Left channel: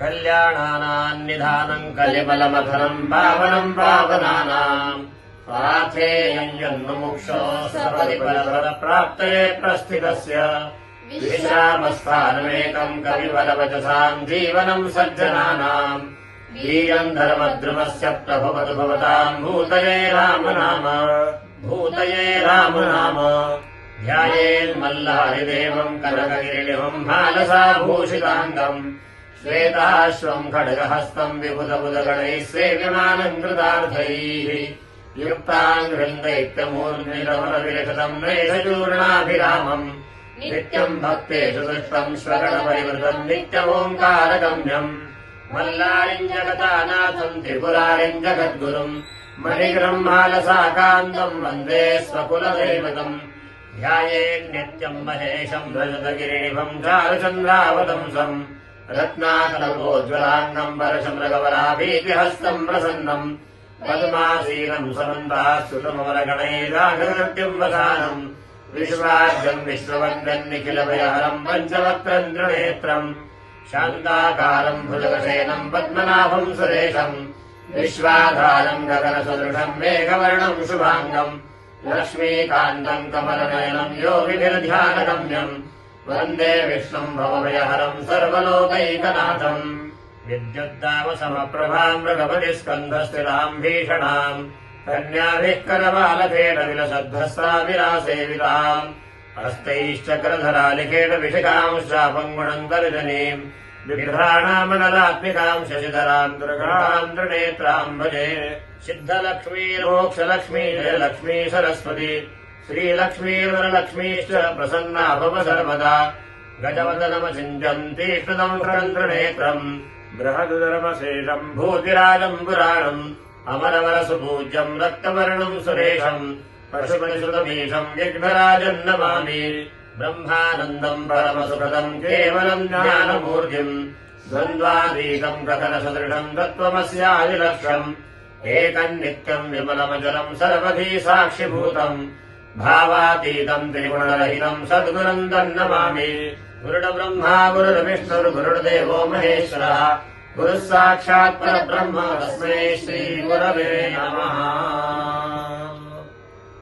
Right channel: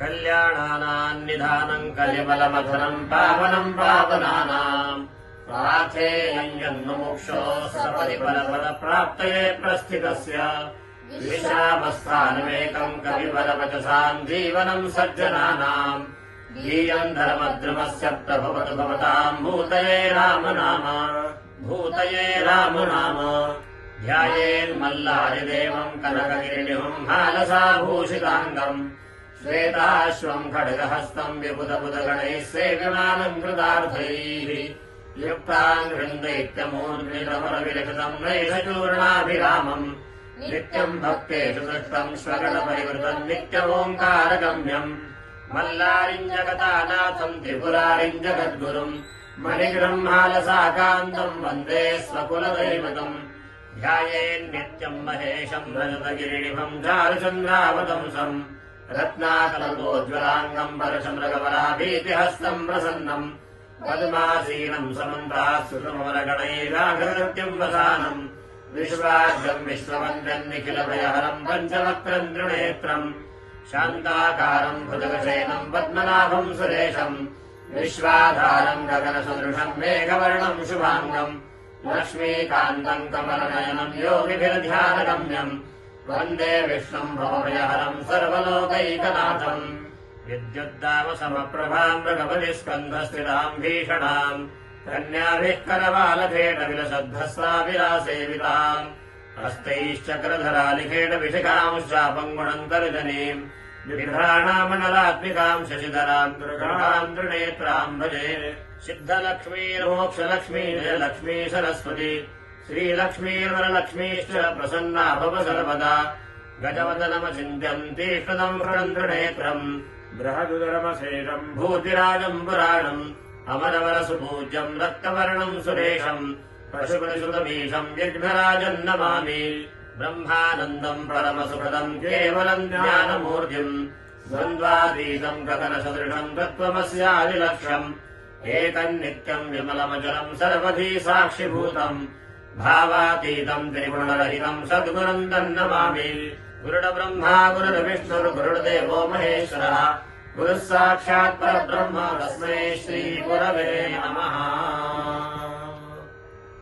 कल्याणानाम् निधानम् कलिबलमधुरम् पावनम् पावनानाम् प्रार्थेयम् जन्ममुक्षो सपदि परपदप्राप्तये प्रस्थितस्य विश्रामस्थानमेकम् कविबलवचसाम् जीवनम् सज्जनानाम् वीरम् धर्मद्रुमस्य प्रभवतु भवताम् भूतये राम नाम भूतये राम नाम ध्यायेन्मल्लारिदेवम् कनकगिरिनिभम् भालसाभूषिताङ्गम् श्वेताश्वम् खड्गहस्तम् विबुधबुधगणैः सेव्यमानम् कृतार्थैः युक्ताम् हृन्दैत्यमूर्ध्निरमरविलिखितम् नैषचूर्णाभिरामम् नित्यम् भक्तेषु दृष्टम् स्वगणपरिवृतम् नित्यमोङ्कारगम्यम् मल्लारिम् जगतानाथम् त्रिपुरारिम् जगद्गुरुम् मणिगृह्मालसाकान्तम् वन्दे स्वकुलदैवतम् ध्यायेन्नित्यम् महेशम् रजतगिरिनिभम् चारुचन्द्रावतंसम् रत्नाकलकोज्ज्वलाङ्गम् परशमृगवराभीतिहस्तम् प्रसन्नम् पद्मासीनम् समन्तास्तुतमवरगणैराघकृत्यम् वसानम् विश्वाद्यम् विश्ववन्द्यम् निखिलभयहरम् पञ्चवक्त्रम् त्रिनेत्रम् शान्ताकारम् भुजगशयनम् पद्मनाभम् सुरेशम् विश्वाधारम् गगनसदृशम् मेघवर्णम् शुभाङ्गम् लक्ष्मीकान्तम् कमलनयनम् योगिभिर्ध्यानगम्यम् वन्दे विष्णुम् भवभयहरम् सर्वलोकैकनाथम् विद्युद्दामसमप्रभाम् मृगपतिस्कन्धस्थिराम् भीषणाम् कन्याभिः करवालखेटविलसद्भस्राविरासेविताम् हस्तैश्चक्रधरालिखेट विशिखांश्चापङ्गुणम् तर्जनीम् विघ्राणामनलात्मिकाम् शशिधराम् दुर्गाम् त्रिनेत्राम् भजे सिद्धलक्ष्मीर्मोक्षलक्ष्मी जयलक्ष्मी सरस्वती श्रीलक्ष्मीर्वरलक्ष्मीश्च प्रसन्ना भव सर्वदा गजवदनमचिन्त्यन्तीष्टदम् त्रिनेत्रम् बृहदुदरमशेषम् भूतिराजम् पुराणम् अमरवरसुपूज्यम् रक्तवर्णम् सुरेशम् पशुपतिसुतमीशम् विघ्नराजम् नमामि ब्रह्मानन्दम् परमसुखदम् केवलम् ज्ञानमूर्तिम् द्वन्द्वातीतम् गगनसदृशम् तत्त्वमस्यादिलक्ष्यम् एकन्नित्यम् विमलमचलम् सर्वधी साक्षिभूतम् भावातीतम् त्रिगुणरहितम् सद्गुरुम् तन्नमामि गुरुर्ब्रह्मा गुरुर्विष्णुर्गुरुर्देवो महेश्वरः गुरुः साक्षात् परब्रह्म तस्मै श्रीगुरवे नमः।